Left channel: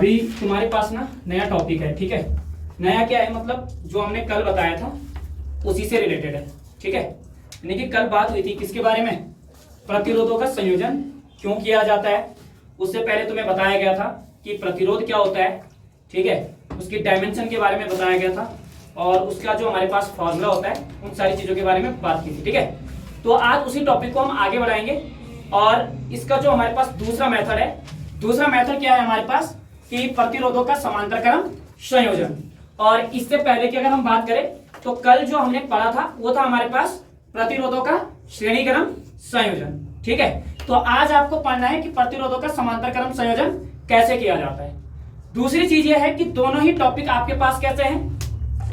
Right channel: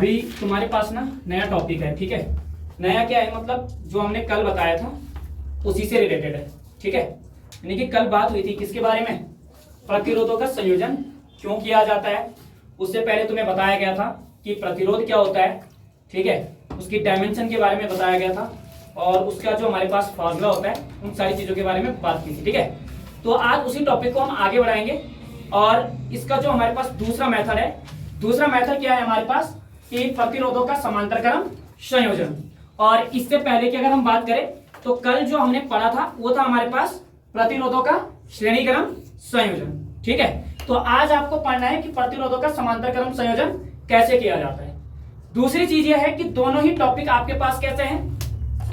अभी तुम्हारे पास ना नया टॉपिक है, ठीक है। नया क्या है, मतलब जो हमने कल बताया था उसी से रिलेटेड है, ठीक है। यानी कि कल बात हुई थी किसके बारे में, प्रतिरोधों का संयोजन क्यों किया जाता है। उससे पहले तुम्हें बताया गया था कि प्रतिरोध क्या होता है, ठीक है। उसकी डायमेंशन के बारे में बताया गया था और उसका जो हमारे पास फॉर्मूला होता है उन सारी चीजों के बारे में बात की थी, ठीक है। तो आज उसी टॉपिक को हम आगे बढ़ाएंगे और इसका जो हमारे पास दूसरा मेथड है, दूसरा मेथड क्या है हमारे पास कि प्रतिरोधों का समांतर क्रम संयोजन। और इससे पहले की अगर हम बात करें तो कल जो हमने पढ़ा था वो था हमारे पास प्रतिरोधों का श्रेणी क्रम संयोजन, ठीक है। तो आज आपको पढ़ना है कि प्रतिरोधों का समांतर क्रम संयोजन कैसे किया जाता है। दूसरी चीज यह है कि दोनों ही टॉपिक आपके पास कैसे हैं,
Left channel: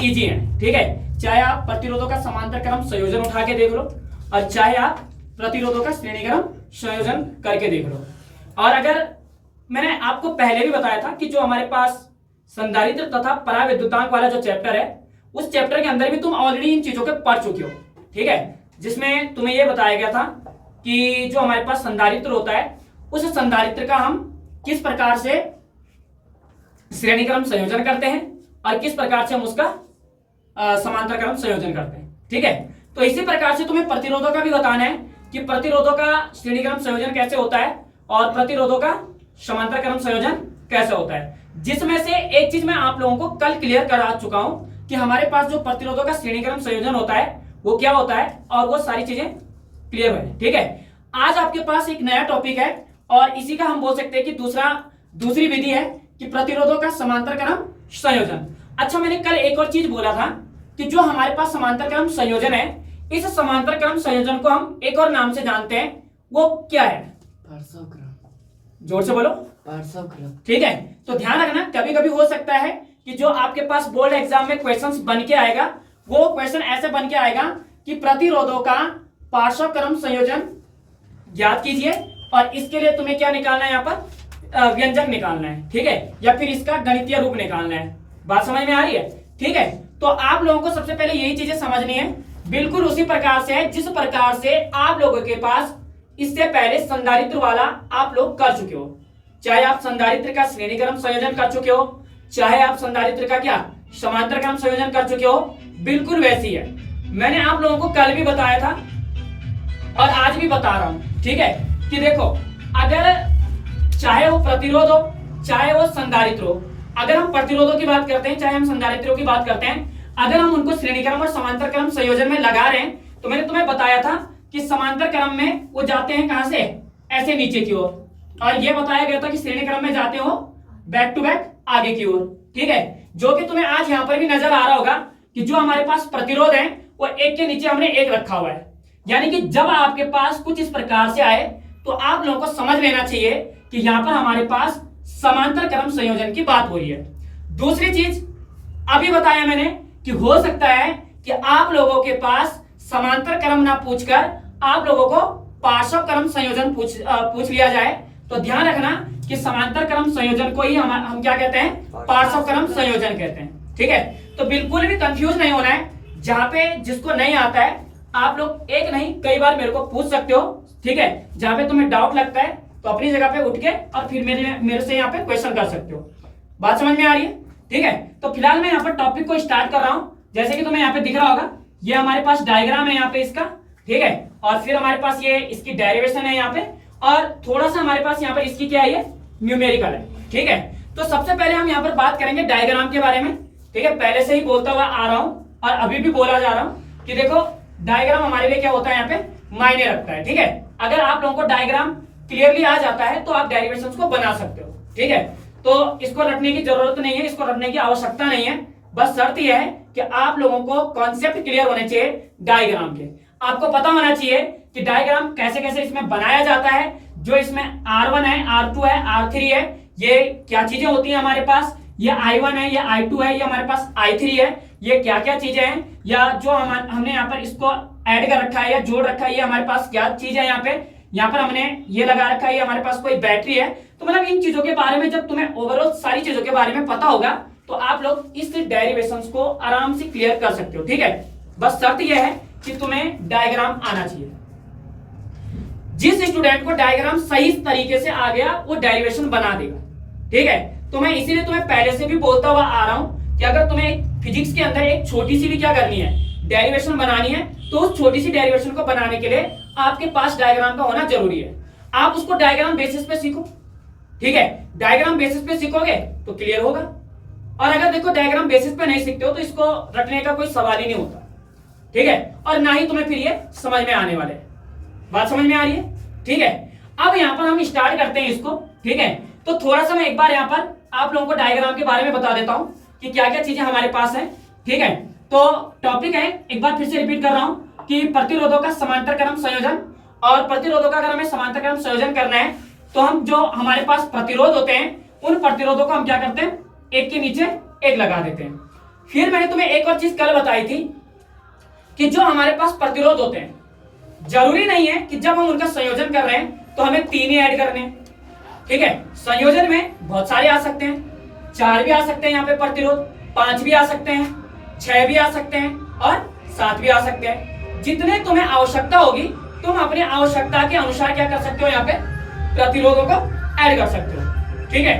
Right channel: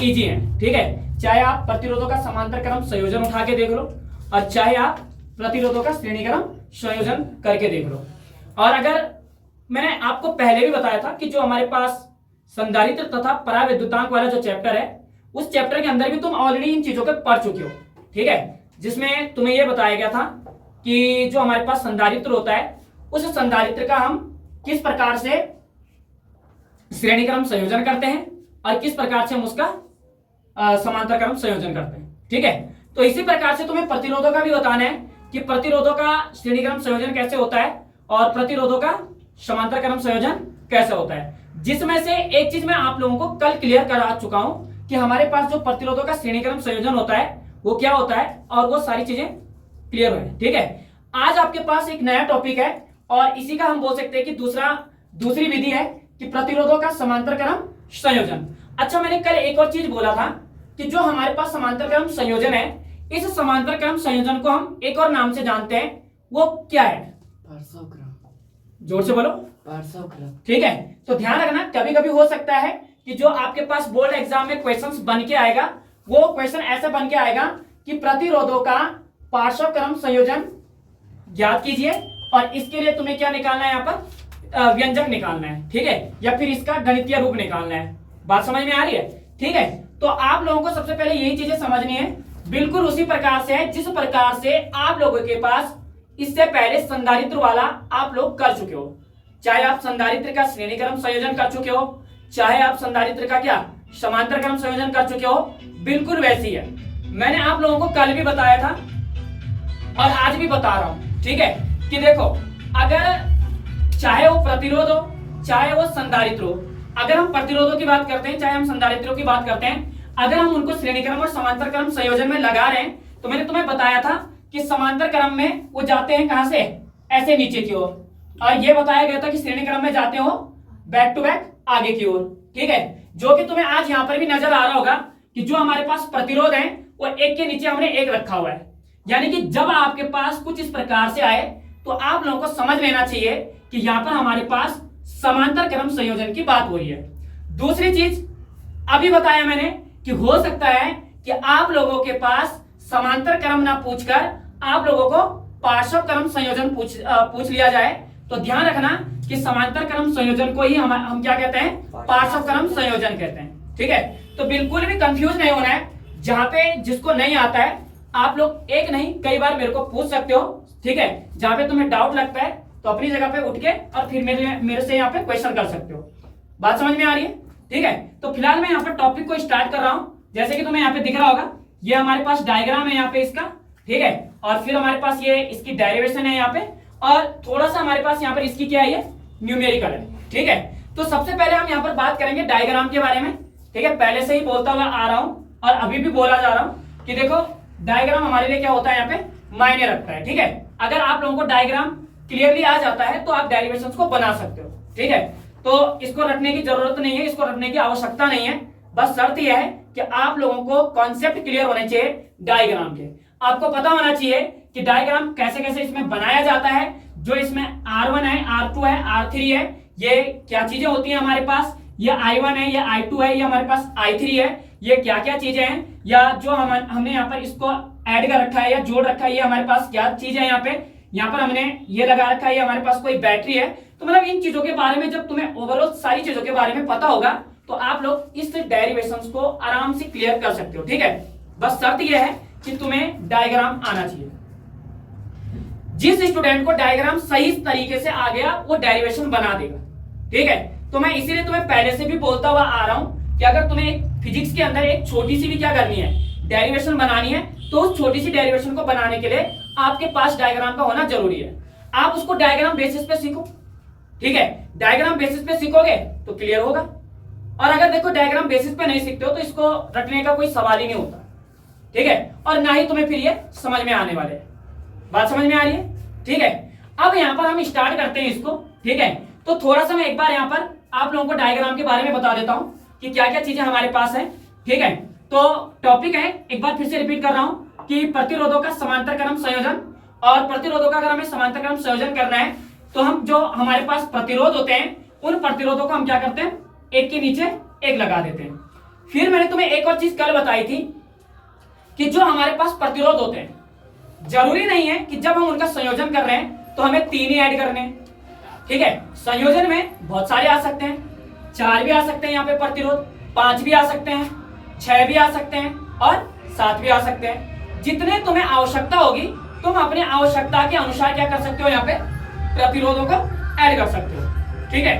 इजी हैं, ठीक है। चाहे आप प्रतिरोधों का समांतर क्रम संयोजन उठा के देख लो और चाहे आप प्रतिरोधों का श्रेणी क्रम संयोजन करके देख लो। और अगर मैंने आपको पहले भी बताया था कि जो हमारे पास संधारित्र तथा पराविद्युतांक वाला जो चैप्टर है उस चैप्टर के अंदर भी तुम ऑलरेडी इन चीजों के पढ़ चुके हो, ठीक है। जिसमें तुम्हें यह बताया गया था कि जो हमारे पास संधारित्र होता है उस संधारित्र का हम किस प्रकार से श्रेणी क्रम संयोजन करते हैं और किस प्रकार से हम उसका समांतर क्रम संयोजन करते हैं, ठीक है। तो इसी प्रकार से तुम्हें प्रतिरोधों का भी बताना है कि प्रतिरोधों का श्रेणी क्रम संयोजन कैसे होता है और प्रतिरोधों का समांतर क्रम संयोजन कैसे होता है। जिसमें से एक चीज मैं आप लोगों को कल क्लियर करा चुका हूं कि हमारे पास जो प्रतिरोधों का श्रेणी क्रम संयोजन होता है वो क्या होता है और वो सारी चीजें क्लियर है, ठीक है। आज आपके पास एक नया टॉपिक है और इसी का हम बोल सकते हैं कि दूसरी विधि है कि प्रतिरोधों का समांतर क्रम संयोजन। अच्छा, मैंने कल एक और चीज बोला था कि जो हमारे पास समांतर क्रम संयोजन है इस समांतर क्रम संयोजन को हम एक और नाम से जानते हैं, वो क्या है, पार्श्वक्रम। जोर से बोलो, पार्श्वक्रम, ठीक है। तो ध्यान रखना, कभी कभी हो सकता है कि जो आपके पास बोर्ड एग्जाम में क्वेश्चंस बन के आएगा वो क्वेश्चन ऐसे बन के आएगा कि प्रतिरोधों का पार्श्वक्रम संयोजन ज्ञात कीजिए और इसके लिए तुम्हें क्या निकालना है, यहाँ पर व्यंजक निकालना है, ठीक है, या फिर इसका गणितीय रूप निकालना है। बात समझ में आ रही है, ठीक है। तो आप लोगों को सबसे पहले यही चीजें समझनी है, बिल्कुल उसी प्रकार से है जिस प्रकार से आप लोगों के पास इससे पहले संधारित्र वाला आप लोग कर चुके हो। चाहे आप संधारित्र का श्रेणी क्रम संयोजन कर चुके हो, चाहे आप संधारित्र का क्या समांतर क्रम संयोजन कर चुके हो, बिल्कुल वैसी है। मैंने आप लोगों को कल भी बताया था और आज भी बता रहा हूं, ठीक है, कि देखो अगर चाहे वो प्रतिरोध हो चाहे वो संधारित्र हो, अगर हम प्रतिरोधों की बात करते हैं चाहे हम संधारित्रों की बात करते हैं, अगर हम उनको श्रेणी क्रम और समांतर क्रम संयोजन में लगा रहे हैं तो मैंने तुम्हें बताया था कि समांतर क्रम में वो जाते हैं कहां से, ऐसे नीचे की ओर, और ये बताया गया था कि श्रेणी क्रम में जाते हो बैक टू बैक आगे की ओर, ठीक है। जो कि तुम्हें आज यहां पर भी नजर आ रहा होगा कि जो हमारे पास प्रतिरोध है वो एक के नीचे हमने एक रखा हुआ है। यानी कि जब आपके पास कुछ इस प्रकार से आए तो आप लोगों को समझ लेना चाहिए कि यहां पर हमारे पास समांतर क्रम संयोजन की बात हो रही है। दूसरी चीज अभी बताया मैंने कि हो सकता है कि आप लोगों के पास समांतर क्रम ना पूछकर आप लोगों को पार्श्व क्रम संयोजन पूछ लिया जाए, तो ध्यान रखना कि समांतर क्रम संयोजन को ही हम क्या कहते हैं, पार्श्व क्रम संयोजन कहते हैं, ठीक है। तो बिल्कुल भी कंफ्यूज नहीं होना है। जहां पे जिसको नहीं आता है आप लोग एक नहीं कई बार मेरे को पूछ सकते हो, ठीक है। जहां पे तुम्हें डाउट लगता है तो अपनी जगह पे उठ के और फिर मेरे से यहाँ पे क्वेश्चन कर सकते हो। बात समझ में आ रही है, ठीक है। तो फिलहाल मैं यहाँ पर टॉपिक को स्टार्ट कर रहा हूं। जैसे कि तुम्हें यहाँ पे दिख रहा होगा ये हमारे पास डायग्राम है यहाँ पे इसका, ठीक है, और फिर हमारे पास ये इसकी डेरिवेशन है यहाँ पे और थोड़ा सा हमारे पास यहाँ पर इसकी क्या है, ये न्यूमेरिकल है, ठीक है। तो सबसे पहले हम यहाँ पर बात करेंगे डायग्राम के बारे में, ठीक है। पहले से ही बोलता हुआ आ रहा हूँ और अभी भी बोला जा रहा हूँ कि देखो डायग्राम हमारे लिए क्या होता है, यहाँ पे मायने रखता है, ठीक है। अगर आप लोगों को डायग्राम क्लियरली आ जाता है तो आप डेरिवेशंस को बना सकते हो, ठीक है। तो इसको रटने की जरूरत नहीं है, इसको रटने की आवश्यकता नहीं है, बस शर्त यह है कि आप लोगों को कॉन्सेप्ट क्लियर होने चाहिए डायग्राम के। आपको पता होना चाहिए कि डायग्राम कैसे कैसे इसमें बनाया जाता है, जो इसमें R1 है, R2 है, R3 है, ये क्या चीजें होती हैं हमारे पास, ये I1 है, ये I2 है, ये हमारे पास I3 है, ये क्या क्या चीजें हैं, या जो हमने यहाँ पर इसको ऐड कर रखा है या जोड़ रखा है, ये हमारे पास क्या चीज है, यहाँ पर हमने ये लगा रखा है, ये हमारे पास कोई बैटरी है। तो मतलब इन चीजों के बारे में जब तुम्हें ओवरऑल सारी चीजों के बारे में पता होगा तो आप लोग इस डेरिवेशंस को आराम से क्लियर कर सकते हो, ठीक है। बस शर्त यह है कि तुम्हें डायग्राम आना चाहिए। जिस स्टूडेंट को डायग्राम सही तरीके से आ गया वो डेरिवेशन बना देगा, ठीक है। तो मैं इसीलिए तुम्हें पहले से भी बोलता हुआ आ रहा हूं कि अगर तुम्हें फिजिक्स के अंदर एक छोटी सी भी क्या करनी है, डेरिवेशन बनानी है, तो उस छोटी सी डेरिवेशन को बनाने के लिए आपके पास डायग्राम का होना जरूरी है। आप उसको डायग्राम बेसिस पे सीखो, ठीक है। डायग्राम बेसिस पे सीखोगे तो क्लियर होगा, और अगर देखो डायग्राम बेसिस पे नहीं सीखते हो तो इसको रटने का कोई सवाल ही नहीं होता, ठीक है। और ना ही तुम्हें फिर ये समझ में आने वाले। बात समझ में आ रही है, ठीक है। अब यहाँ पर हम स्टार्ट करते हैं इसको, ठीक है। तो थोड़ा सा मैं एक बार यहाँ पर आप लोगों को डायग्राम के बारे में बता देता हूँ कि क्या क्या चीजें हमारे पास है, ठीक है। तो टॉपिक है, एक बार फिर से रिपीट कर रहा हूँ कि प्रतिरोधों का समांतर क्रम संयोजन। और प्रतिरोधों का अगर हमें समांतर क्रम संयोजन करना है तो हम जो हमारे पास प्रतिरोध होते हैं उन प्रतिरोधों को हम क्या करते हैं, एक के नीचे एक लगा देते हैं। फिर मैंने तुम्हें एक और चीज कल बताई थी कि जो हमारे पास प्रतिरोध होते हैं, जरूरी नहीं है कि जब हम उनका संयोजन कर रहे हैं तो हमें 3 ही ऐड करने हैं, ठीक है। संयोजन में बहुत सारे आ सकते हैं, 4 भी आ सकते हैं यहाँ पे प्रतिरोध, 5 भी आ सकते हैं, 6 भी आ सकते हैं और 7 भी आ सकते हैं। जितने तुम्हें आवश्यकता होगी तुम अपने आवश्यकता के अनुसार क्या कर सकते हो, यहाँ पे प्रतिरोधों को ऐड कर सकते हो, ठीक है।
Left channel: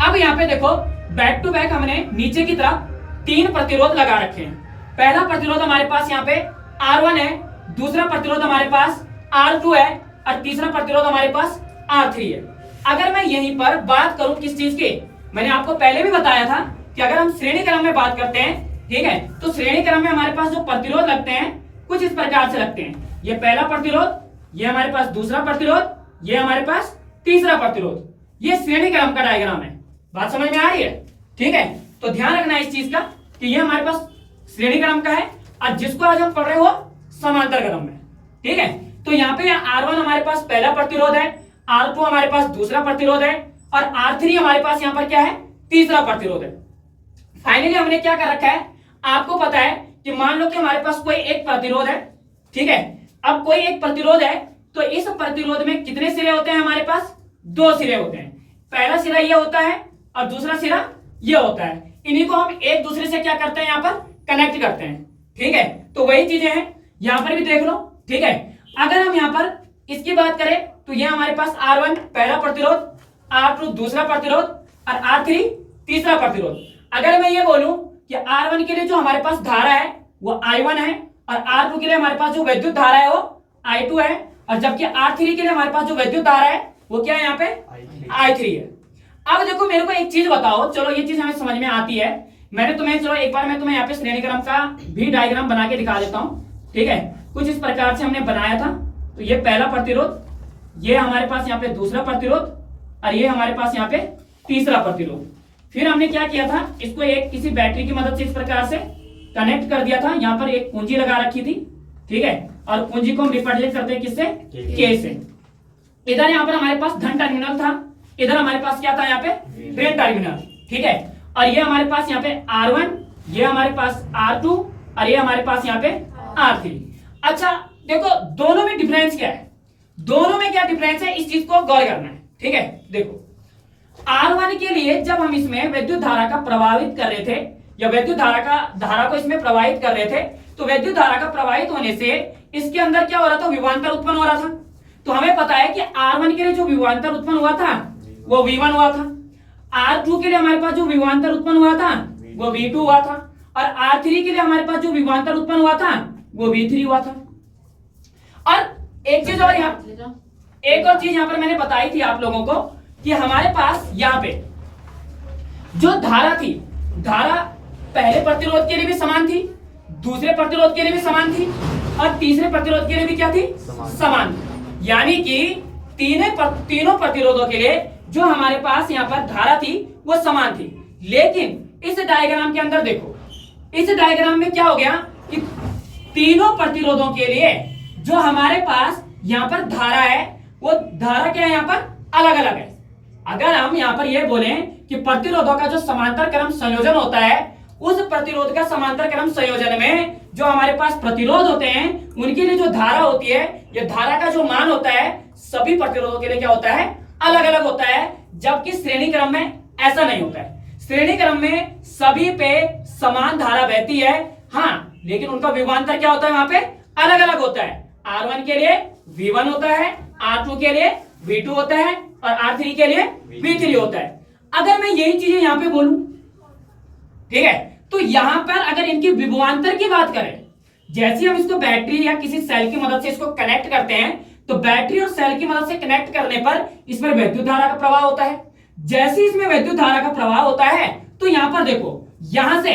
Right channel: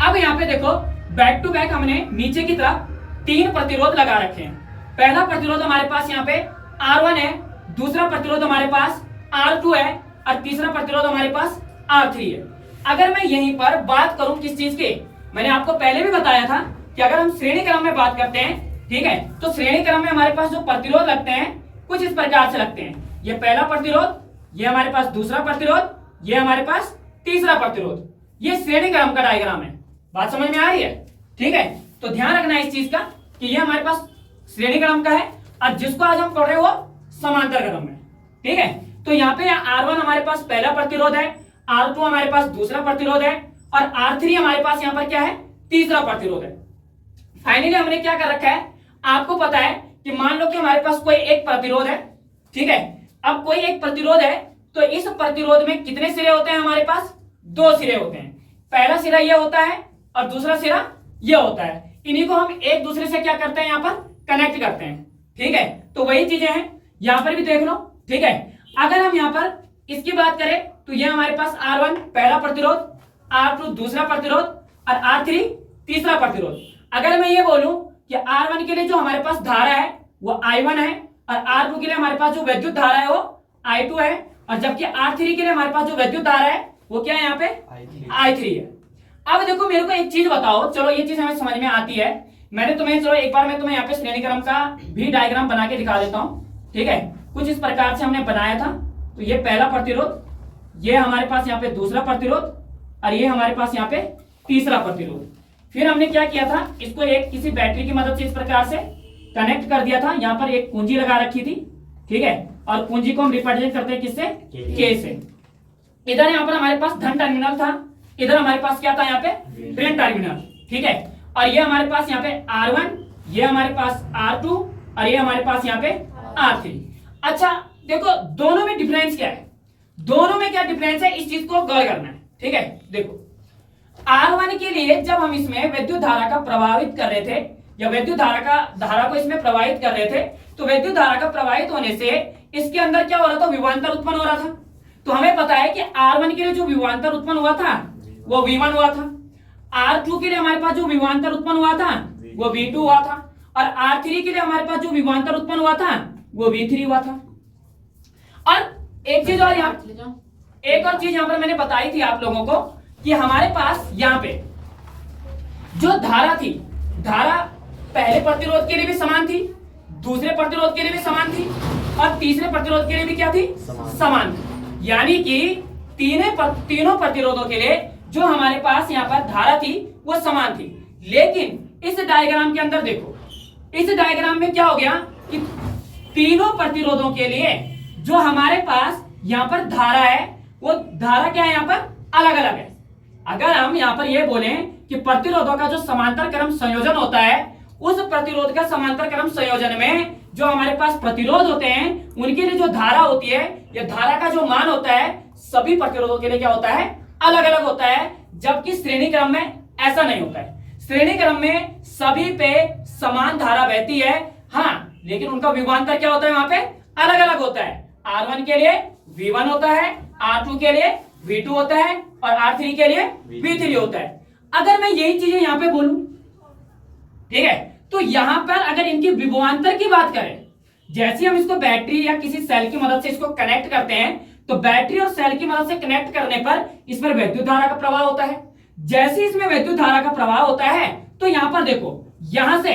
अब यहाँ पे देखो बैक टू बैक हमने नीचे की तरफ 3 प्रतिरोध लगा रखे हैं। पहला प्रतिरोध हमारे पास यहाँ पे R1 है, दूसरा प्रतिरोध हमारे पास R2 है और तीसरा प्रतिरोध हमारे पास R3 है। अगर मैं यहीं पर बात करूं किस चीज की, मैंने आपको पहले भी बताया था कि अगर हम श्रेणी क्रम में बात करते हैं, ठीक है, तो श्रेणी क्रम में हमारे पास जो प्रतिरोध लगते हैं कुछ इस प्रकार से लगते हैं। ये पहला प्रतिरोध, ये हमारे पास दूसरा प्रतिरोध, ये हमारे पास तीसरा प्रतिरोध। ये श्रेणी क्रम का डायग्राम है। बात समझ में आ रही है, ठीक है। तो ध्यान रखना इस चीज का कि ये हमारे पास श्रेणी क्रम का है और जिसको आज हम पढ़ रहे हो समांतर क्रम में, ठीक है। तो यहाँ पे R1 हमारे पास पहला प्रतिरोध है, R2 हमारे पास दूसरा प्रतिरोध है और R3 हमारे पास यहाँ पर क्या है, तीसरा प्रतिरोध है। फाइनली हमने क्या कर रखा है, आपको पता है कि मान लो कि हमारे पास कोई एक प्रतिरोध है, ठीक है। अब कोई एक प्रतिरोध है तो इस प्रतिरोध में कितने सिरे होते हैं, हमारे पास 2 सिरे होते हैं। पहला सिरा ये होता है और दूसरा सिरा ये होता है। इन्हीं को हम एक दूसरे से क्या करते हैं, यहाँ पर कनेक्ट करते हैं, ठीक है। तो वही चीजें हैं, यहाँ पर भी देख लो, ठीक है। अगर हम यहाँ पर इसकी बात करें तो ये हमारे पास R1 पहला प्रतिरोध, R2 दूसरा प्रतिरोध और R3 तीसरा प्रतिरोध। अगर मैं ये बोलूं कि R1 के लिए जो हमारे पास धारा है वो I1 है और R2 के लिए हमारे पास जो विद्युत धारा है वो I2 है, और जबकि R3 के लिए हमारे पास जो विद्युत धारा है वो क्या है, यहाँ पे I3 है। अब देखो मेरे को एक चीज बताओ, चलो ये चीज हमें समझ में आती है। मैंने तुम्हें, चलो एक बार मैं तुम्हें यहाँ पे श्रेणी क्रम का भी डायग्राम बना के दिखा देता हूँ, ठीक है। कुछ इस प्रकार से हमने बनाया था। तो ये पहला प्रतिरोध, ये हमारे पास यहाँ पे दूसरा प्रतिरोध और ये हमारे पास यहाँ पे तीसरा प्रतिरोध। फिर हमने क्या किया था, इसको एक किसी बैटरी की मदद से इस प्रकार से कनेक्ट कर दिया था। यहाँ पर एक कुंजी लगा रखी थी, ठीक है, और कुंजी को हम रिप्रेजेंट करते हैं किससे, K से। इधर यहाँ पर हमारे पास धन टर्मिनल था, इधर हमारे पास क्या था, यहाँ पे ऋण टर्मिनल, ठीक है। और ये हमारे पास यहाँ पे R1, ये हमारे पास R2 और ये हमारे पास यहाँ पे R3। अच्छा देखो दोनों में डिफरेंस क्या है, दोनों में क्या डिफरेंस है, इस चीज को गौर करना है, ठीक है। देखो R1 के लिए जब हम इसमें विद्युत धारा का प्रवाहित कर रहे थे या विद्युत धारा को इसमें प्रवाहित कर रहे थे, तो विद्युत धारा का प्रवाहित होने से इसके अंदर क्या हो रहा था, विभवांतर उत्पन्न हो रहा था। तो हमें पता है कि R1 के लिए जो विभवांतर उत्पन्न हुआ था वो V1 हुआ था, R2 के लिए हमारे पास जो विभवांतर उत्पन्न हुआ था वो V2 हुआ था, और R3 के लिए हमारे पास जो विभवांतर उत्पन्न हुआ था वो V3 हुआ था। और एक चीज और यहाँ, एक और चीज यहाँ पर मैंने बताई थी आप लोगों को कि हमारे पास यहाँ पे जो धारा थी, धारा पहले प्रतिरोध के लिए भी समान थी, दूसरे प्रतिरोध के लिए भी समान थी और तीसरे प्रतिरोध के लिए भी क्या थी, समान थी। यानी कि तीनों प्रतिरोधों के लिए जो हमारे पास यहाँ पर धारा थी वो समान थी। लेकिन इस डायग्राम के अंदर देखो, इस डायग्राम में क्या हो गया कि तीनों प्रतिरोधों के लिए जो हमारे पास यहाँ पर धारा है वो धारा क्या है, यहाँ पर अलग अलग है। अगर हम यहाँ पर ये बोलें कि प्रतिरोधों का जो समांतर क्रम संयोजन होता है, उस प्रतिरोध का समांतर क्रम संयोजन में जो हमारे पास प्रतिरोध होते हैं उनके लिए जो धारा होती है, ये धारा का जो मान होता है सभी प्रतिरोधों के लिए क्या होता है, अलग अलग होता है। जबकि श्रेणी क्रम में ऐसा नहीं होता है। श्रेणी क्रम में सभी पे समान धारा बहती है, हाँ, लेकिन उनका विभवांतर क्या होता है, वहां पे अलग अलग होता है। R1 के लिए V1 होता है, R2 के लिए V2 होता है और R3 के लिए V3 होता है। अगर मैं यही चीजें यहां पे बोलूं, ठीक है, तो यहां पर अगर इनकी विभवांतर की बात करें, जैसे हम इसको बैटरी या किसी सेल की मदद से इसको कनेक्ट करते हैं, तो बैटरी और सेल की मदद से कनेक्ट करने पर इसमें विद्युत धारा का प्रवाह होता है। जैसे इसमें विद्युत धारा का प्रवाह होता है, तो यहां पर देखो, यहां से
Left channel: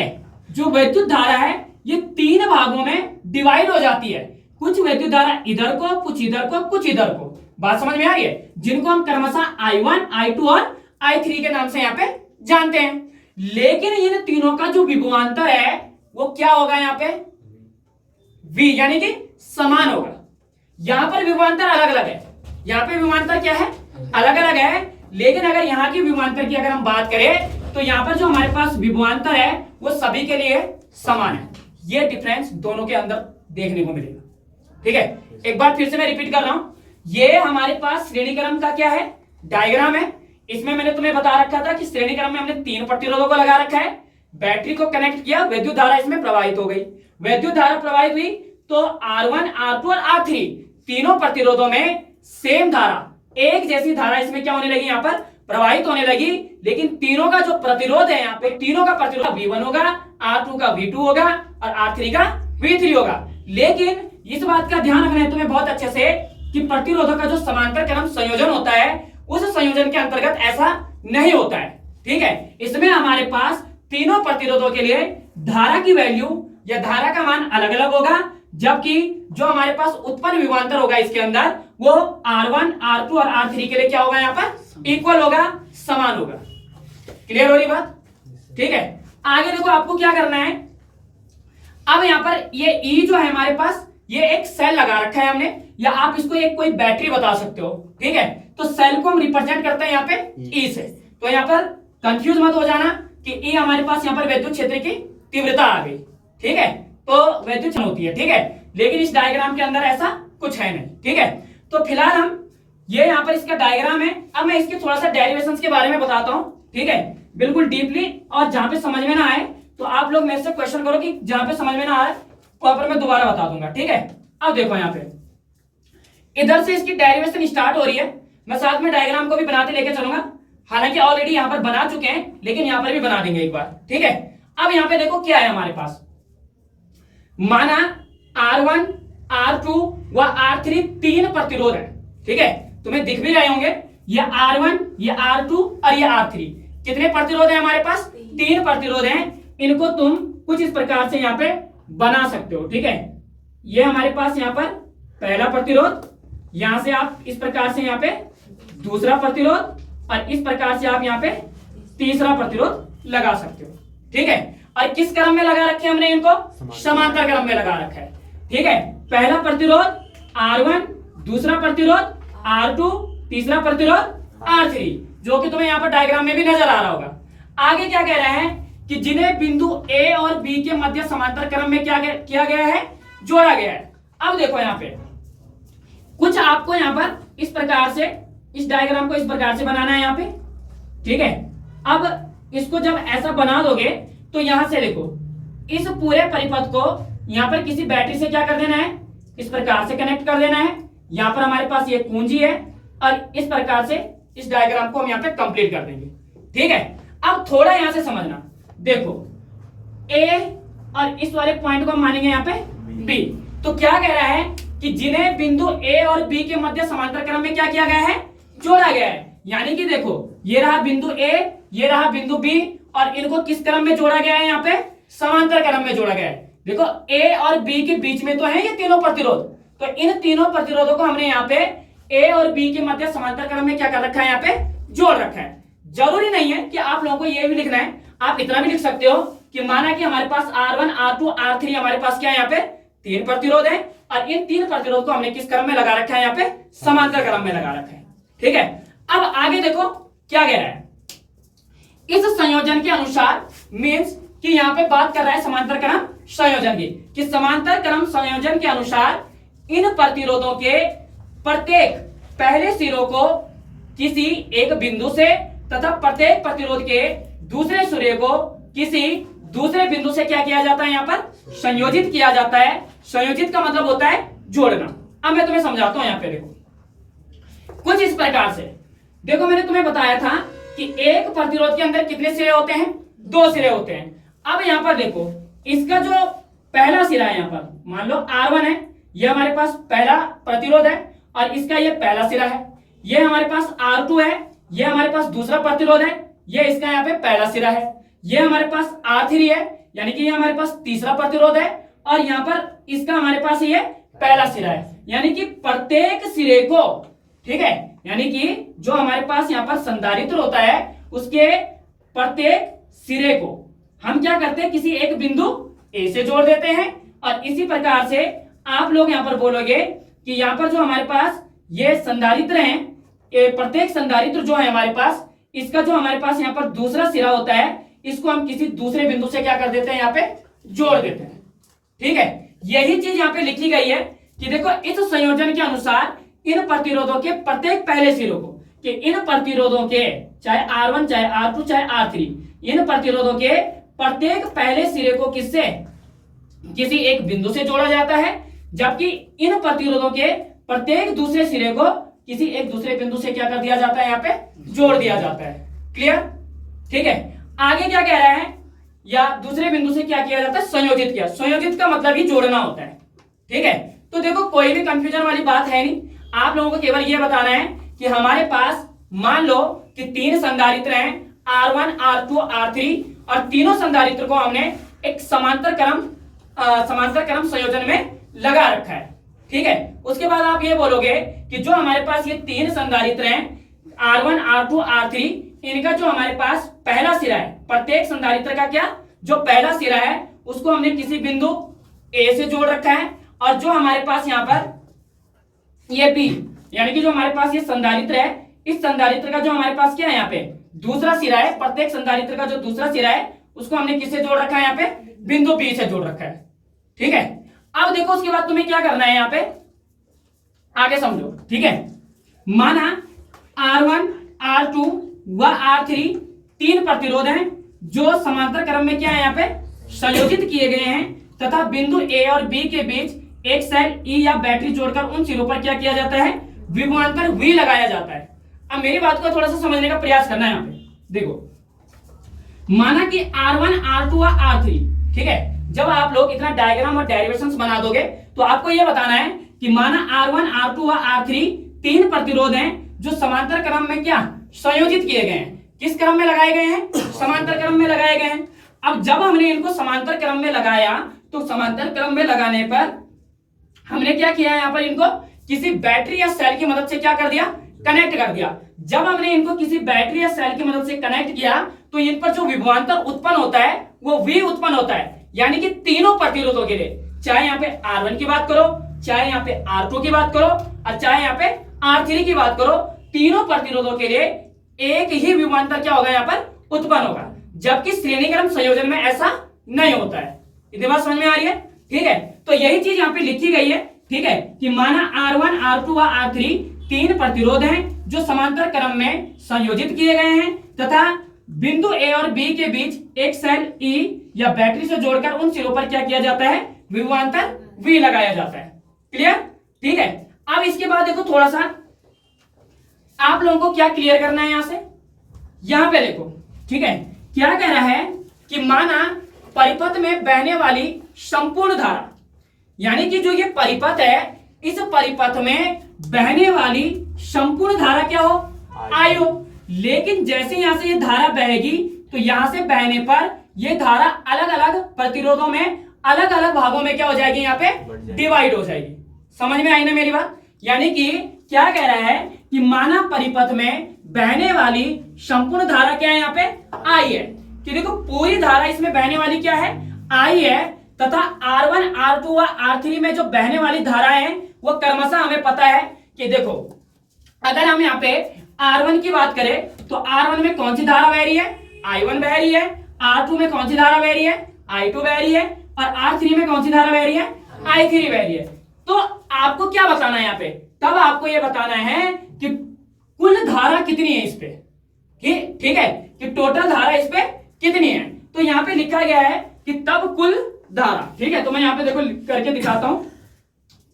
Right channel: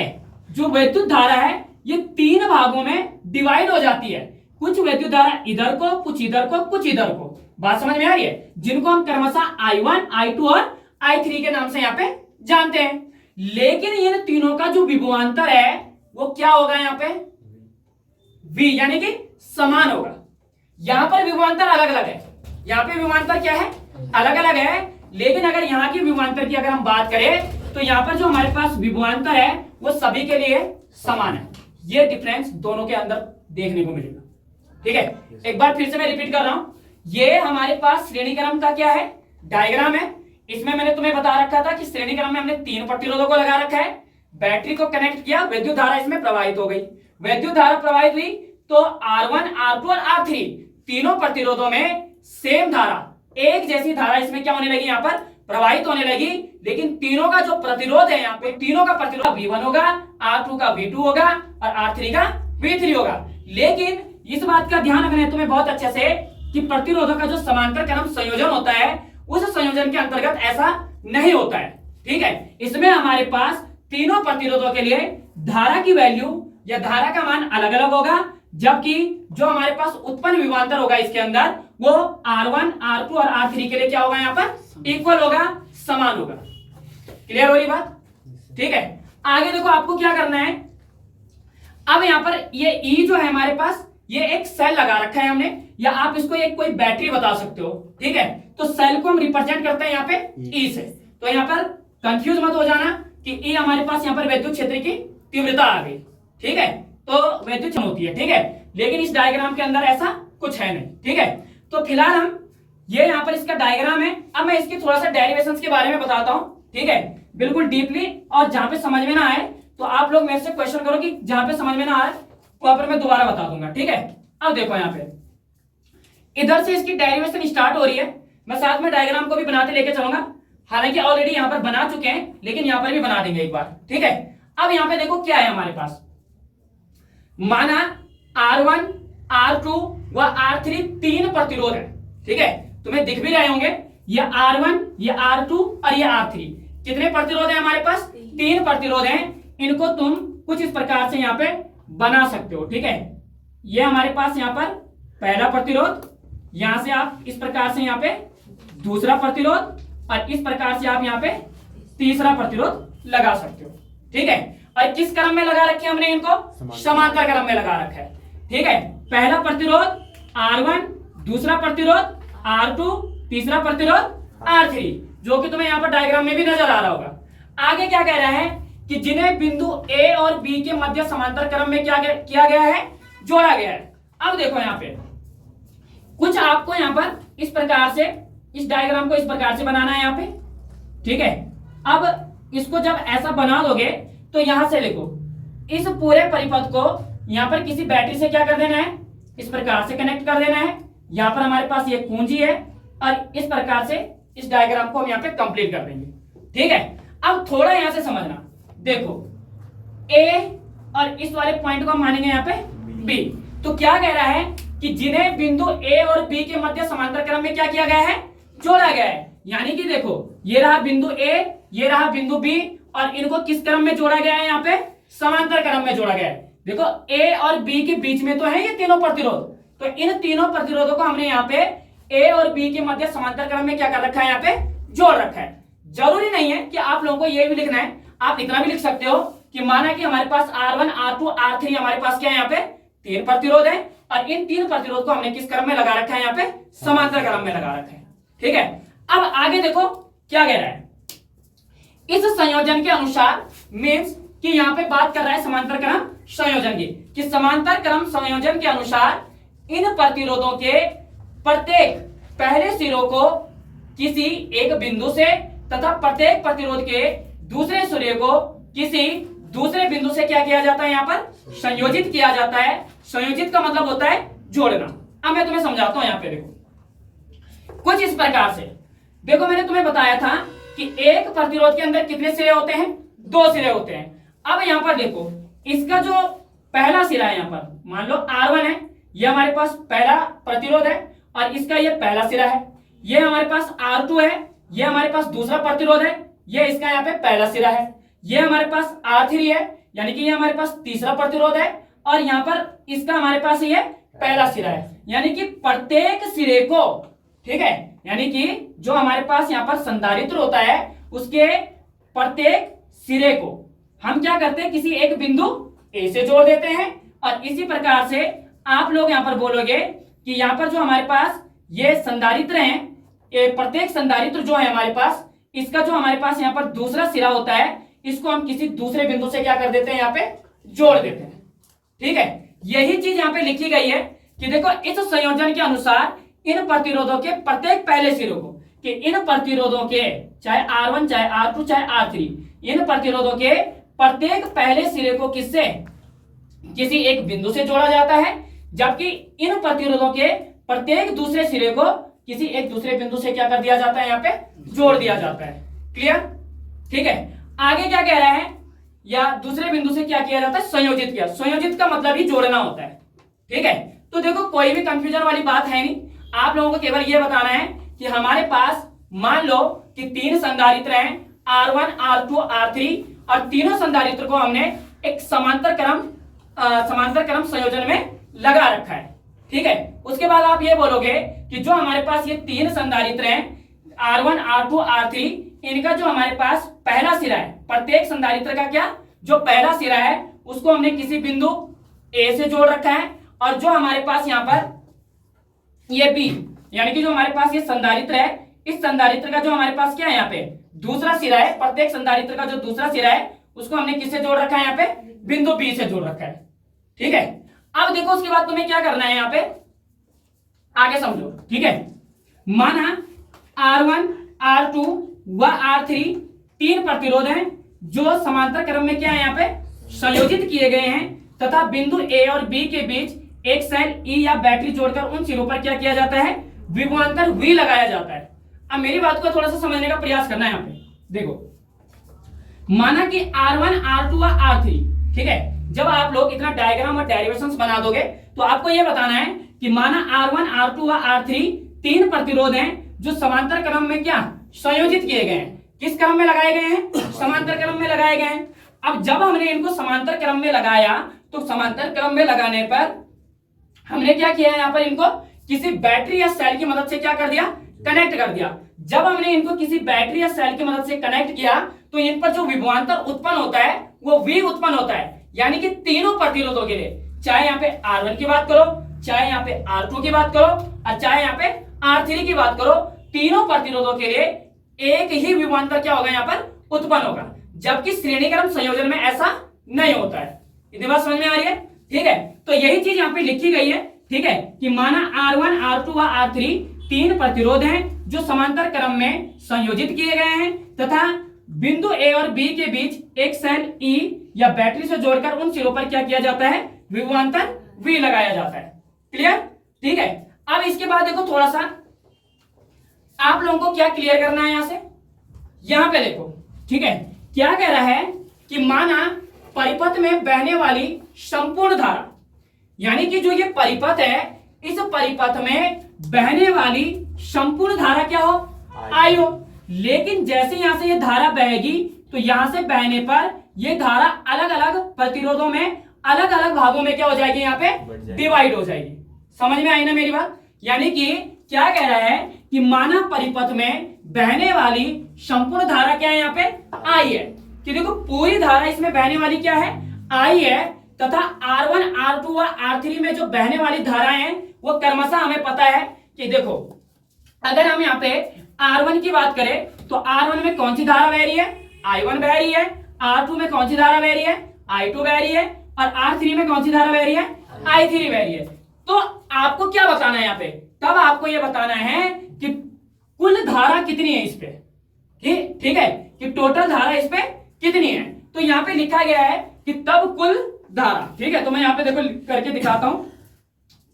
जो विद्युत धारा है ये 3 भागों में डिवाइड हो जाती है। कुछ विद्युत धारा इधर को, कुछ इधर को, कुछ इधर को। बात समझ में आ रही है? जिनको हम क्रमशः I1, I2 और I3 के नाम से यहां पे जानते हैं। लेकिन इन तीनों का जो विभवांतर है वो क्या होगा यहां पे? V, यानी कि समान होगा। यहां पर विभवांतर अलग अलग है, यहां पे विभवांतर क्या है? अलग अलग है। लेकिन अगर यहां की विभवांतर की अगर हम बात करें, तो यहां पर जो हमारे पास विभवांतर है वो सभी के लिए समान है। ये डिफरेंस दोनों के अंदर देखने को मिलेगा। ठीक है, एक बार फिर से मैं रिपीट कर रहा हूं, ये हमारे पास श्रेणी क्रम का क्या है? डायग्राम है। इसमें मैंने तुम्हें बता रखा था कि श्रेणी क्रम में हमने 3 प्रतिरोधों को लगा रखा है, बैटरी को कनेक्ट किया, विद्युत धारा इसमें प्रवाहित हो गई। विद्युत धारा प्रवाहित हुई तो R1, R2 और R3 तीनों प्रतिरोधों में सेम धारा, एक जैसी धारा इसमें क्या होने लगी? यहां पर प्रवाहित होने लगी। लेकिन तीनों का जो प्रतिरोध है, यहाँ पे तीनों का प्रतिरोध V1 होगा, R2 का V2 होगा और R3 का V3 होगा। लेकिन इस बात का ध्यान रखना है तुम्हें बहुत अच्छे से कि प्रतिरोधों का जो समांतर क्रम संयोजन होता है, उस संयोजन के अंतर्गत ऐसा नहीं होता है। ठीक है, इसमें हमारे पास तीनों प्रतिरोधों के लिए धारा की वैल्यू या धारा का मान अलग अलग होगा, जबकि जो हमारे पास उत्पन्न विभवांतर होगा इसके अंदर वो R1, R2 और R3 के लिए क्या होगा? यहाँ पर इक्वल होगा, समान होगा। क्लियर हो रही बात? ठीक है, आगे देखो आपको क्या करना है। अब यहाँ पर ये E जो है हमारे पास, ये एक सेल लगा रखा है हमने, या आप इसको एक कोई बैटरी बता सकते हो। ठीक है, तो सेल को हम रिप्रेजेंट करते हैं यहाँ पे E से। तो यहाँ पर कंफ्यूज मत हो जाना कि E हमारे पास यहाँ पर विद्युत क्षेत्र की तीव्रता आ गई। ठीक है, तो विद्युत होती है। ठीक है, लेकिन इस डायग्राम के अंदर ऐसा कुछ है नहीं। ठीक है, तो फिलहाल हम ये यहाँ पर इसका डायग्राम है। अब मैं इसके थोड़ा सा डेरिवेशंस के बारे में बताता हूँ। ठीक है, बिल्कुल डीपली, और जहां पे समझ में ना आए तो आप लोग मेरे से क्वेश्चन करो कि जहां पे समझ में ना आए वहां पर मैं दोबारा बता दूंगा। ठीक है, अब देखो यहाँ पे इधर से इसकी डेरिवेशन स्टार्ट हो रही है। मैं साथ में डायग्राम को भी बनाते लेके चलूंगा, हालांकि ऑलरेडी यहाँ पर बना चुके हैं, लेकिन यहाँ पर भी बना देंगे एक बार। ठीक है, अब यहाँ पे देखो क्या है हमारे पास। माना R1, R2 व R3 तीन प्रतिरोध है। ठीक है, तुम्हें दिख भी रहे होंगे, ये R1, ये R2 और ये R3। कितने प्रतिरोध है हमारे पास? 3 प्रतिरोध हैं। इनको तुम कुछ इस प्रकार से यहाँ पे बना सकते हो। ठीक है, ये हमारे पास यहाँ पर पहला प्रतिरोध, यहां से आप इस प्रकार से यहाँ पे दूसरा प्रतिरोध, और इस प्रकार से आप यहाँ पे तीसरा प्रतिरोध लगा सकते हो। ठीक है, और किस क्रम में लगा रखे हमने इनको? समांतर क्रम में लगा रखा है। ठीक है, पहला प्रतिरोध R1, दूसरा प्रतिरोध R2, तीसरा प्रतिरोध R3, जो कि तुम्हें यहाँ पर डायग्राम में भी नजर आ रहा होगा। आगे क्या कह रहा है कि जिन्हें बिंदु A और B के मध्य समांतर क्रम में क्या किया गया है? जोड़ा गया है। अब देखो यहाँ पे कुछ आपको यहाँ पर इस प्रकार से, इस डायग्राम को इस प्रकार से बनाना है यहाँ पे। ठीक है, अब इसको जब ऐसा बना दोगे तो यहां से देखो, इस पूरे परिपथ को यहां पर किसी बैटरी से क्या कर देना है? इस प्रकार से कनेक्ट कर देना है। यहां पर हमारे पास ये कुंजी है, और इस प्रकार से इस डायग्राम को हम यहाँ पे कंप्लीट कर देंगे। ठीक है, अब थोड़ा यहां से समझना। देखो A और इस वाले पॉइंट को हम मानेंगे यहाँ पे B। तो क्या कह रहा है कि जिन्हें बिंदु A और B के मध्य समांतर क्रम में क्या किया गया है? जोड़ा गया है। यानी कि देखो, ये रहा बिंदु A, ये रहा बिंदु B, और इनको किस क्रम में जोड़ा गया है? यहाँ पे समांतर क्रम में जोड़ा गया है। देखो A और B के बीच में तो है ये तीनों प्रतिरोध, तो इन तीनों प्रतिरोधों को हमने यहाँ पे A और B के मध्य समांतर क्रम में क्या कर रखा है? यहाँ पे जोड़ रखा है। जरूरी नहीं है कि आप लोगों को ये भी लिखना है, आप इतना भी लिख सकते हो कि माना कि हमारे पास R1, R2, R3 हमारे पास क्या है? यहाँ पे 3 प्रतिरोध है, और इन 3 प्रतिरोध को हमने किस क्रम में लगा रखा है? यहाँ पे समांतर क्रम में लगा रखा है। ठीक है, अब आगे देखो क्या कह रहा है। इस संयोजन के अनुसार, मीन्स कि यहाँ पे बात कर रहा है समांतर क्रम संयोजन की, कि समांतर क्रम संयोजन के अनुसार इन प्रतिरोधों के प्रत्येक पहले सिरों को किसी एक बिंदु से तथा प्रत्येक प्रतिरोध के दूसरे सिरे को किसी दूसरे बिंदु से क्या किया जाता है? यहाँ पर संयोजित किया जाता है। संयोजित का मतलब होता है जोड़ना। अब मैं तुम्हें समझाता हूं। यहाँ पे देखो कुछ इस प्रकार से। देखो मैंने तुम्हें बताया था कि एक प्रतिरोध के अंदर कितने सिरे होते हैं, 2 सिरे होते हैं। अब यहां पर देखो, इसका जो पहला सिरा है, यहां पर मान लो R1 है, ये हमारे पास पहला प्रतिरोध है, और इसका ये पहला सिरा है। ये हमारे पास R2 है, ये हमारे पास दूसरा प्रतिरोध है, ये इसका यहाँ पे पहला सिरा है। ये हमारे पास R3 है, यानी कि ये हमारे पास तीसरा प्रतिरोध है, और यहाँ पर इसका हमारे पास ये पहला सिरा है। यानी कि प्रत्येक सिरे को, ठीक है, यानी कि जो हमारे पास यहाँ पर संधारित्र होता है उसके प्रत्येक सिरे को हम क्या करते हैं, किसी एक बिंदु ए से जोड़ देते हैं। और इसी प्रकार से आप लोग यहाँ पर बोलोगे कि यहाँ पर जो हमारे पास ये संधारित्र हैं, प्रत्येक संधारित्र जो है हमारे पास, इसका जो हमारे पास यहाँ पर दूसरा सिरा होता है, इसको हम किसी दूसरे बिंदु से क्या कर देते हैं, यहाँ पे जोड़ देते हैं। ठीक है, यही चीज यहाँ पे लिखी गई है कि देखो इस संयोजन के अनुसार इन प्रतिरोधों के प्रत्येक पहले सिरों को, कि इन प्रतिरोधों के चाहे R1 चाहे R2 चाहे R3, इन प्रतिरोधों के प्रत्येक पहले सिरे को किससे, किसी एक बिंदु से जोड़ा जाता है, जबकि इन प्रतिरोधों के प्रत्येक दूसरे सिरे को किसी एक दूसरे बिंदु से क्या कर दिया जाता है, यहाँ पे जोड़ दिया जाता है। क्लियर? ठीक है, आगे क्या कह रहा है, या दूसरे बिंदु से क्या किया जाता है, संयोजित किया। संयोजित का मतलब ही जोड़ना होता है। ठीक है, तो देखो कोई भी कंफ्यूजन वाली बात है नहीं, आप लोगों को केवल यह बताना है कि हमारे पास मान लो कि 3 संधारित्र हैं, R1 R2 R3, और तीनों संधारित्र को हमने एक समांतर क्रम संयोजन में लगा रखा है। ठीक है, उसके बाद आप ये बोलोगे कि जो हमारे पास ये 3 संधारित्र हैं, R1 R2 R3, इनका जो हमारे पास पहला सिरा है, प्रत्येक संधारित्र का क्या, जो पहला सिरा है उसको हमने किसी बिंदु A से जोड़ रखा है, और जो हमारे पास यहाँ पर ये B, यानी कि जो हमारे पास ये संधारित्र है, इस संधारित्र का जो हमारे पास क्या है, यहाँ पे दूसरा सिरा है, प्रत्येक संधारित्र का जो दूसरा सिरा है उसको हमने किससे जोड़ रखा है, यहाँ पे बिंदु B से जोड़ रखा है। ठीक है, अब देखो उसके बाद तुम्हें क्या करना है, यहाँ पे आगे समझो। ठीक है, माना R1 R2 व R3 3 प्रतिरोध हैं जो समांतर क्रम में क्या है, यहाँ पे संयोजित किए गए हैं, तथा बिंदु A और B के बीच एक सेल E या बैटरी जोड़कर उन सिरों पर क्या किया जाता है, विभवांतर V लगाया जाता है। अब मेरी बात को थोड़ा सा समझने का प्रयास करना है। यहाँ पे देखो, माना कि R1 R2 व R3, ठीक है, जब आप लोग इतना डायग्राम और डेरिवेशंस बना दोगे तो आपको यह बताना है कि माना R1 R2 व R3 3 प्रतिरोध हैं जो समांतर क्रम में क्या संयोजित किए गए हैं। किस क्रम में लगाए गए हैं, समांतर क्रम में लगाए गए हैं। अब जब हमने इनको समांतर क्रम में लगाया तो समांतर क्रम में लगाने पर हमने क्या किया, यहाँ पर इनको किसी बैटरी या सेल की मदद से क्या कर दिया, कनेक्ट कर दिया। जब हमने इनको किसी बैटरी या सेल की मदद से कनेक्ट किया तो इन पर जो विभवांतर उत्पन्न होता है वो V उत्पन्न होता है। यानी कि तीनों प्रतिरोधों के लिए, चाहे यहाँ पे R1 की बात करो, चाहे यहाँ पे R2 की बात करो, और चाहे यहाँ पे R3 की बात करो, तीनों प्रतिरोधों के लिए एक ही विभवांतर क्या होगा, यहाँ पर उत्पन्न होगा। जबकि श्रेणीक्रम संयोजन में ऐसा नहीं होता है। इतनी बात समझ में आ रही है? ठीक है, तो यही चीज यहाँ पे लिखी गई है। ठीक है, कि माना R1 R2 व R3 3 प्रतिरोध हैं जो समांतर क्रम में संयोजित किए गए हैं, तथा बिंदु A और B के बीच एक सेल E या बैटरी से जोड़कर उन सिरों पर क्या किया जाता है, विभवांतर V लगाया जाता है। क्लियर? ठीक है, अब इसके बाद देखो थोड़ा सा आप लोगों को क्या क्लियर करना है। यहां से यहां पे देखो, ठीक है, क्या कह रहा है कि माना परिपथ में बहने वाली संपूर्ण धारा, यानी कि जो ये परिपथ है, इस परिपथ में बहने वाली संपूर्ण धारा क्या हो, I हो। लेकिन जैसे यहां से ये धारा बहेगी तो यहां से बहने पर ये धारा अलग अलग प्रतिरोधों में, अलग अलग भागों में क्या हो जाएगी, यहाँ पे डिवाइड हो जाएगी। समझ में आई ना मेरी बात? यानी कि क्या कह रहा है कि माना परिपथ में बहने वाली संपूर्ण धारा क्या है, यहाँ पे I है। कि देखो पूरी धारा इसमें बहने वाली क्या है, I है, तथा R1 R2 व R3 में जो बहने वाली धाराएं हैं वो क्रमशः हमें पता है कि देखो, अगर हम यहाँ पे R1 की बात करें तो R1 में कौन सी धारा बह रही है, I1 बह रही है। R2 में कौन सी धारा बह रही है, I2 बह रही है। और R3 में कौन सी धारा बह रही है, I3 बह रही है। तो आपको क्या बताना है यहाँ पे, तब आपको यह बताना है कि कुल धारा कितनी है इस पे। ठीक है, कि टोटल धारा इस पे कितनी है। तो यहाँ पे लिखा गया है कि तब कुल धारा, ठीक है, तो मैं यहाँ पे देखो करके दिखाता हूं।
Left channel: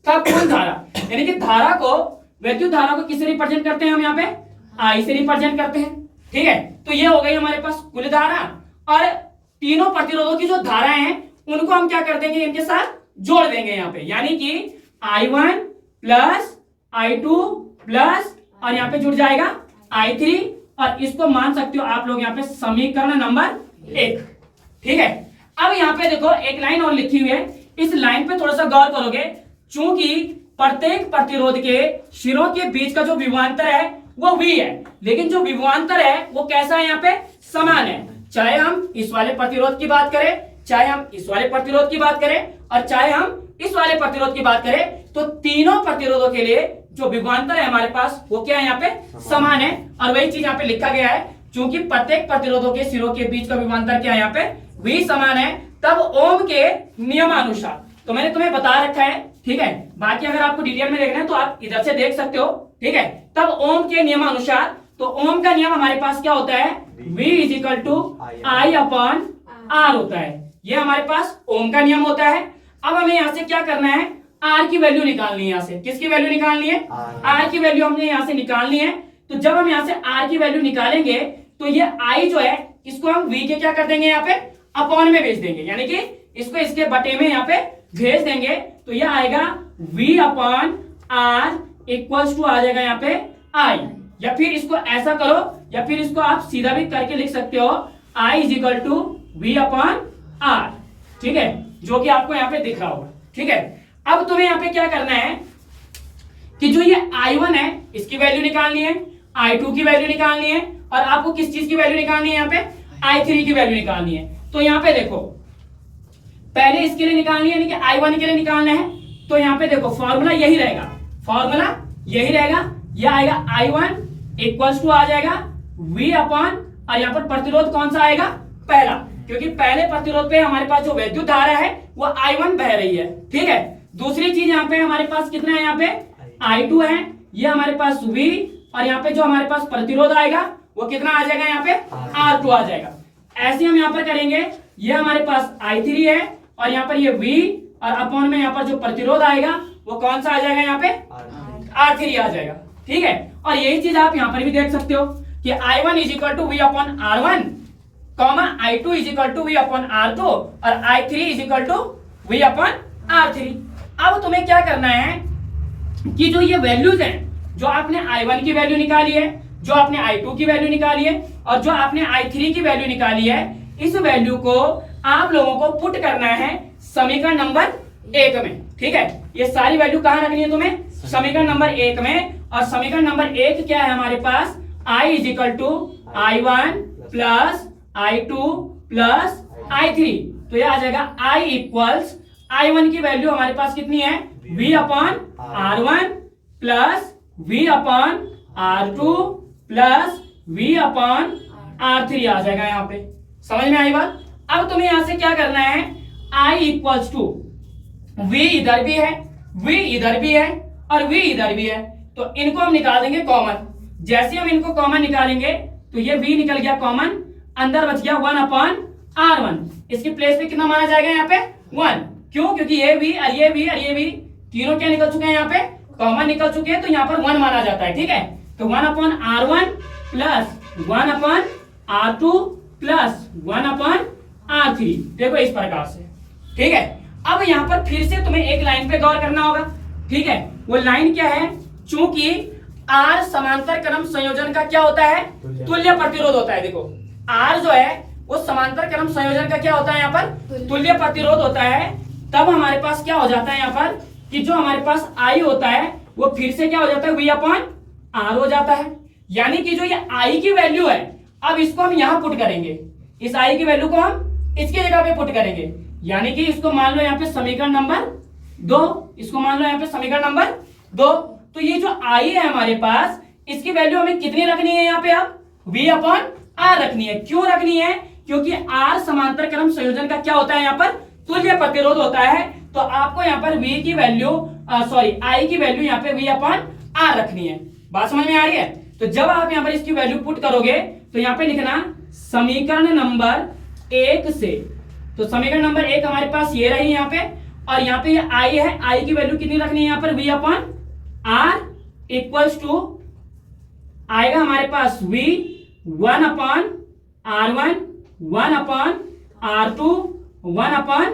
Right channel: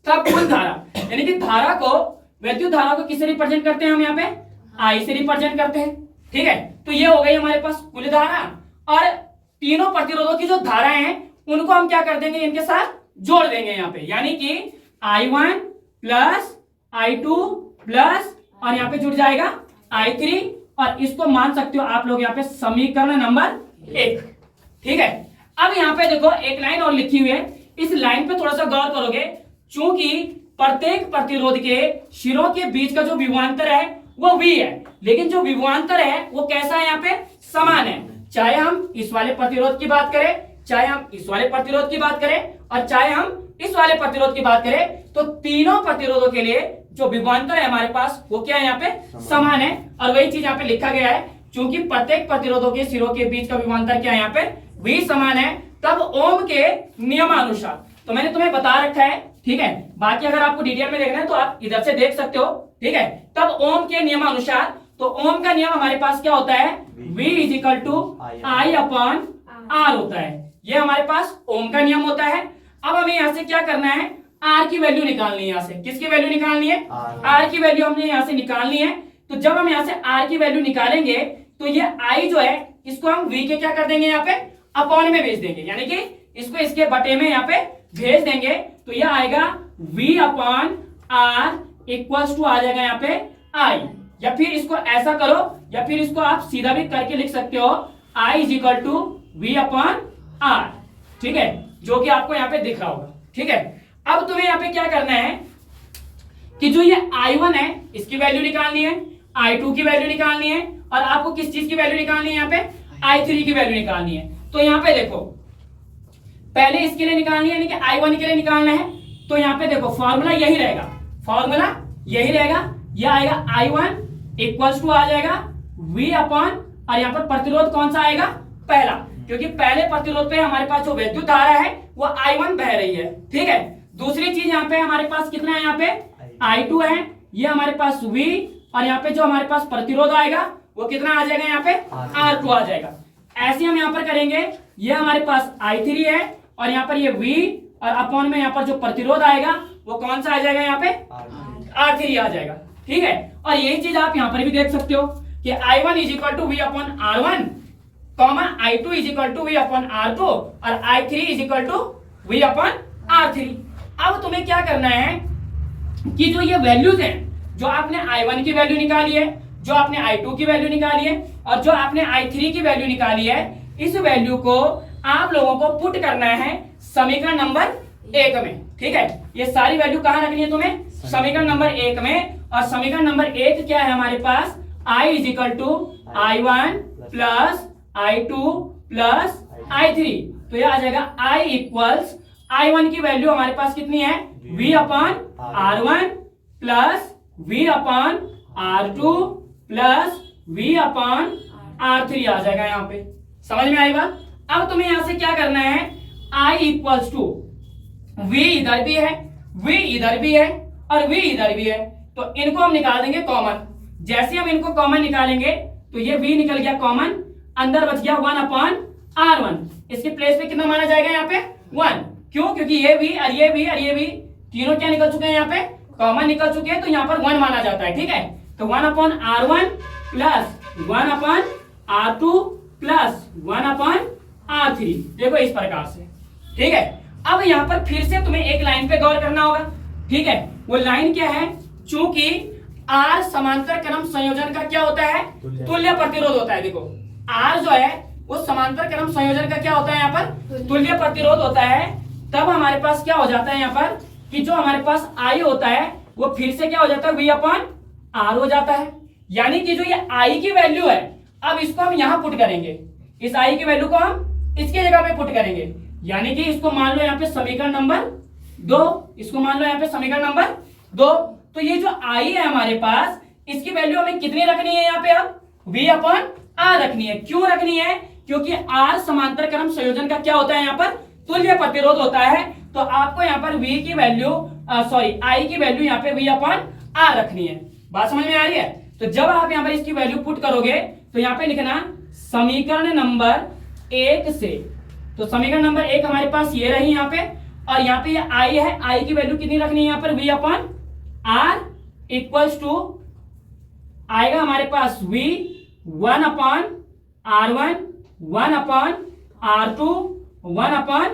तब कुल धारा, यानी कि धारा को, वैद्युत धारा को किससे रिप्रेजेंट करते हैं हम, यहाँ पे I से रिप्रेजेंट करते हैं। ठीक है, तो ये हो गई हमारे पास कुल धारा, और तीनों प्रतिरोधों की जो धाराएं हैं उनको हम क्या कर देंगे, इनके साथ जोड़ देंगे यहाँ पे, यानी कि I1 प्लस I2 प्लस, और यहाँ पे जुड़ जाएगा I3, और इसको मान सकते हो आप लोग यहाँ पे समीकरण नंबर 1। ठीक है, अब यहाँ पे देखो एक लाइन और लिखी हुई है, इस लाइन पे थोड़ा सा गौर करोगे, चूंकि प्रत्येक प्रतिरोध के शिरों के बीच का जो विभवांतर है वो V है, लेकिन जो विभवांतर है वो कैसा है, यहाँ पे समान है, चाहे हम इस वाले प्रतिरोध की बात करें, चाहे हम इस वाले प्रतिरोध की बात करें, और चाहे हम इस वाले प्रतिरोध की बात करें, तो तीनों प्रतिरोधों के लिए जो विभवांतर है हमारे पास वो क्या है, यहाँ पे समान है। और वही चीज यहाँ पे लिखा गया है, चूंकि प्रत्येक प्रतिरोधों के सिरों के बीच का विभवांतर क्या है, यहाँ पे V समान है, तब ओम के नियमानुसार, तो मैंने तुम्हें बता रखा है, ठीक है, बाकी अगर आपको डिटेल में देखना है तो आप इधर से देख सकते हो, ठीक है। तब ओम के नियमानुसार, तो ओम का नियम हमारे पास क्या होता है, V is equal to I upon R होता है, ये हमारे पास ओम का नियम होता है। अब हमें यहाँ से क्या करना है, R की वैल्यू निकालनी है, यहाँ से किसकी वैल्यू निकालनी है, R की वैल्यू हमने यहाँ से निकालनी है। तो जब हम यहाँ से R की वैल्यू निकालेंगे तो ये I जो है इसको हम V के क्या कर देंगे, यहाँ पे अपॉन में भेज देंगे, यानी कि इसको इसके बटे में यहाँ पे भेज देंगे, तो यह आएगा V upon R equals to आ जाएगा यहाँ पे I, या फिर इसको ऐसा करो, या फिर इसको आप सीधा भी करके लिख सकते हो, I is equal to V upon R, ठीक है, जो कि आपको यहाँ पे दिख रहा होगा। ठीक है, अब तुम्हें यहाँ पे क्या करना है कि जो ये I1 है इसकी वैल्यू निकालनी है, I2 की वैल्यू निकालनी है, और आपको किस चीज की वैल्यू निकालनी है, यहाँ पे I3 की वैल्यू निकालनी है। तो यहाँ पे देखो, पहले इसके लिए निकालनी है, यानी कि I1 के लिए निकालना है, तो यहाँ पे देखो फॉर्मूला यही रहेगा, फॉर्मूला यही रहेगा, यह आएगा I1 इक्वल्स टू आ जाएगा V अपॉन, और यहाँ पर प्रतिरोध कौन सा आएगा, पहला, क्योंकि पहले प्रतिरोध पे हमारे पास जो वैद्युत धारा है वो I1 बह रही है। ठीक है, दूसरी चीज यहाँ पे हमारे पास कितना है, यहाँ पे I2 है, ये हमारे पास V, और यहाँ पे जो हमारे पास प्रतिरोध आएगा वो कितना आ जाएगा, यहाँ पे R2 आ जाएगा। ऐसे हम यहाँ पर करेंगे, ये हमारे पास I3 है, और यहाँ पर ये V, और अपॉन में यहाँ पर जो प्रतिरोध आएगा वो कौन सा आ जाएगा, यहाँ पे R3 आ जाएगा। ठीक है, और यही चीज आप यहाँ पर भी देख सकते हो कि I1 is equal to V upon R1, comma I2 is equal to V upon R2, और I3 is equal to V upon R3। अब तुम्हें क्या करना है कि जो ये वैल्यूज हैं, जो आपने I1 की वैल्यू निकाली है, जो आपने I2 की वैल्यू निकाली है, और जो आपने I3 की वैल्यू निकाली है, इस वैल्यू को आप लोगों को पुट करना है समीकरण नंबर 1 में। ठीक है, ये सारी वैल्यू कहाँ रखनी है तुम्हें, समीकरण नंबर 1 में, और समीकरण नंबर 1 क्या है हमारे पास, I is equal to I1 plus I2 plus I3, तो ये आ जाएगा I इक्वल्स I1 की वैल्यू हमारे पास कितनी है, V upon R1 plus V upon R2 plus V upon R3 आ जाएगा, यहाँ पे समझ में आई बात। अब तुम्हें यहां से क्या करना है, I इक्वल्स टू V इधर भी है, V इधर भी है, और V इधर भी है, तो इनको हम निकाल देंगे कॉमन। जैसे हम इनको कॉमन निकालेंगे तो ये V निकल गया कॉमन, अंदर बच गया 1 अपॉन R1, इसके प्लेस पे कितना माना जाएगा, यहाँ पे 1, क्यों, क्योंकि ये V और ये V और ये V तीनों क्या निकल चुके हैं, यहाँ पे कॉमन निकल चुके हैं, तो यहाँ पर 1 माना जाता है। ठीक है, तो 1 upon R1 plus 1 upon R2 plus 1 upon R3, देखो इस प्रकार से। ठीक है, अब यहाँ पर फिर से तुम्हें एक लाइन पे गौर करना होगा। ठीक है, वो लाइन क्या है, चूंकि R समांतर क्रम संयोजन का क्या होता है, तुल्य प्रतिरोध होता है। देखो R जो है वो समांतर क्रम संयोजन का क्या होता है, यहाँ पर तुल्य प्रतिरोध होता है। तब हमारे पास क्या हो जाता है, यहाँ पर कि जो हमारे पास I होता है वो फिर से क्या हो जाता है, V अपॉन R हो जाता है। यानी कि जो ये I की वैल्यू है, अब इसको हम यहाँ पुट करेंगे, इस I की वैल्यू को हम इसकी जगह पे पुट करेंगे, यानी कि इसको मान लो यहाँ पे समीकरण नंबर 2, इसको मान लो यहाँ पे समीकरण नंबर 2। तो ये जो I है हमारे पास, इसकी वैल्यू हमें कितनी रखनी है, यहाँ पे अब V अपॉन R रखनी है। क्यों रखनी है, क्योंकि R समांतर क्रम संयोजन का क्या होता है, यहाँ पर तुल्य प्रतिरोध होता है। तो आपको यहाँ पर V की वैल्यू I की वैल्यू यहाँ पे V अपॉन R रखनी है। बात समझ में आ रही है। तो जब आप यहाँ पर इसकी वैल्यू पुट करोगे तो यहाँ पे लिखना समीकरण नंबर 1 से, तो समीकरण नंबर 1 हमारे पास ये रही यहाँ पे, और यहाँ पे ये I है, I की वैल्यू कितनी रखनी है, यहाँ पर V upon R equals to आएगा हमारे पास V 1 upon R1, 1 upon R2, 1 upon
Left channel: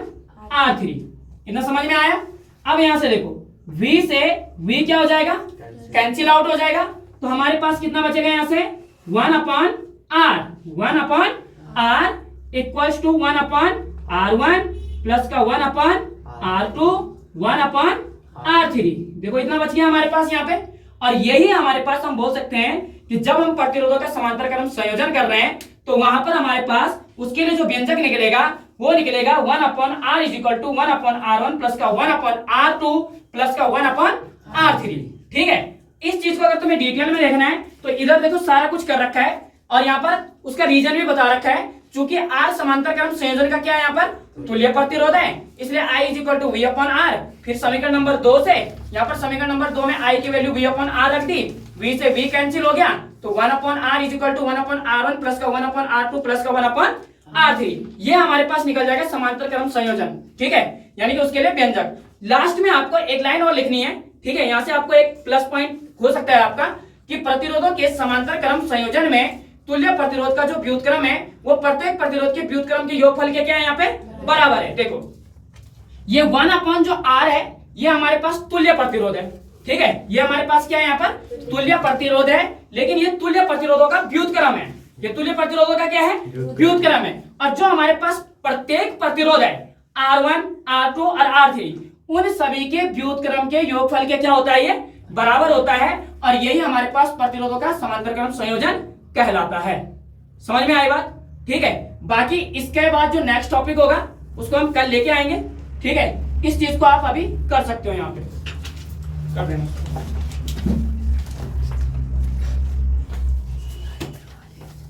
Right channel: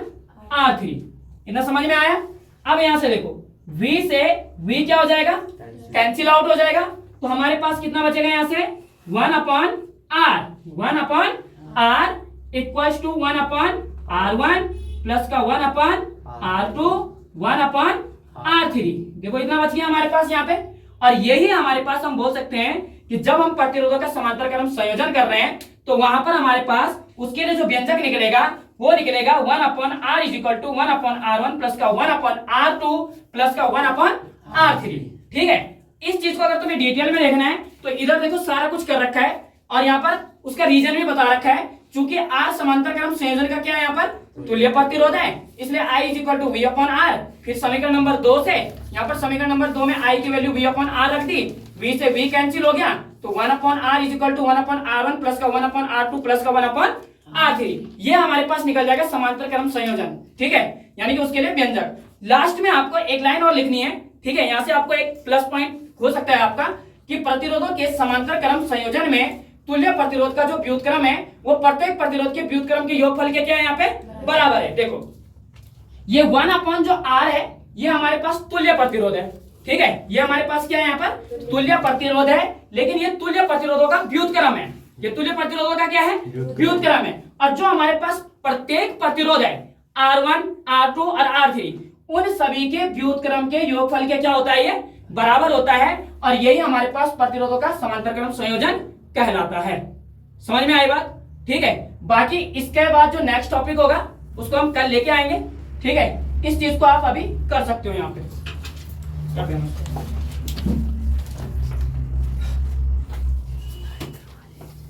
R3। इतना समझ में आया? अब यहां से देखो V से V क्या हो जाएगा? कैंसिल आउट हो जाएगा। तो हमारे पास कितना बचेगा यहां से? 1 upon R, 1 upon R equals to 1 upon R1 plus का 1 अपॉन R2, 1 अपॉन R3। देखो इतना बच गया हमारे पास यहाँ पे। और यही हमारे पास हम बोल सकते हैं कि जब हम प्रतिरोधों का समांतर क्रम संयोजन कर रहे हैं तो वहां पर हमारे पास उसके लिए जो व्यंजक निकलेगा वो निकलेगा 1 upon R is equal to 1 upon R1 plus का 1 अपॉन R2 प्लस का 1 अपॉन R3। ठीक है, इस चीज को अगर तुम्हें डिटेल में देखना है तो इधर देखो सारा कुछ कर रखा है और यहाँ पर उसका रीजन भी बता रखा है। चूंकि R समांतर क्रम संयोजन का क्या है यहाँ पर तुल्य प्रतिरोध है, इसलिए I is equal to V upon R। फिर समीकरण नंबर 2 से यहाँ पर समीकरण नंबर 2 में I की वैल्यू V अपॉन R रख दी, V से V कैंसिल हो गया तो 1 upon R is equal to 1 upon R1 plus का 1 अपॉन R2 प्लस का 1 अपॉन R3। ये हमारे पास निकल जाएगा समांतर क्रम संयोजन। ठीक है, यानी कि उसके लिए व्यंजक। लास्ट में आपको एक लाइन और लिखनी है। ठीक है, यहाँ से आपको एक प्लस पॉइंट हो सकता है आपका कि प्रतिरोधों के समांतर क्रम संयोजन में तुल्य प्रतिरोध का जो व्युत्क्रम है वो प्रत्येक प्रतिरोध के व्युत्क्रम के योगफल के क्या है यहाँ पे बराबर है। देखो ये 1 अपॉन जो R है ये हमारे पास तुल्य प्रतिरोध है। ठीक है, ये हमारे पास क्या है यहाँ पर तुल्य प्रतिरोध है, लेकिन ये तुल्य प्रतिरोधों का व्युत्क्रम है। ये तुल्य प्रतिरोधों का क्या है व्युत्क्रम है। और जो हमारे पास प्रत्येक प्रतिरोध है R1, R2 और R3 उन सभी के व्युत्क्रम के योगफल के क्या होता है ये बराबर होता है। और यही हमारे पास प्रतिरोधों का समांतर क्रम संयोजन कहलाता है। समझ में आई बात? ठीक है, बाकी इसके बाद जो नेक्स्ट टॉपिक होगा उसको हम कल लेके आएंगे। ठीक है, इस चीज को आप अभी कर सकते हो, यहाँ पे कर देना।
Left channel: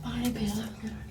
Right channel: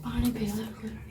पानी पिया।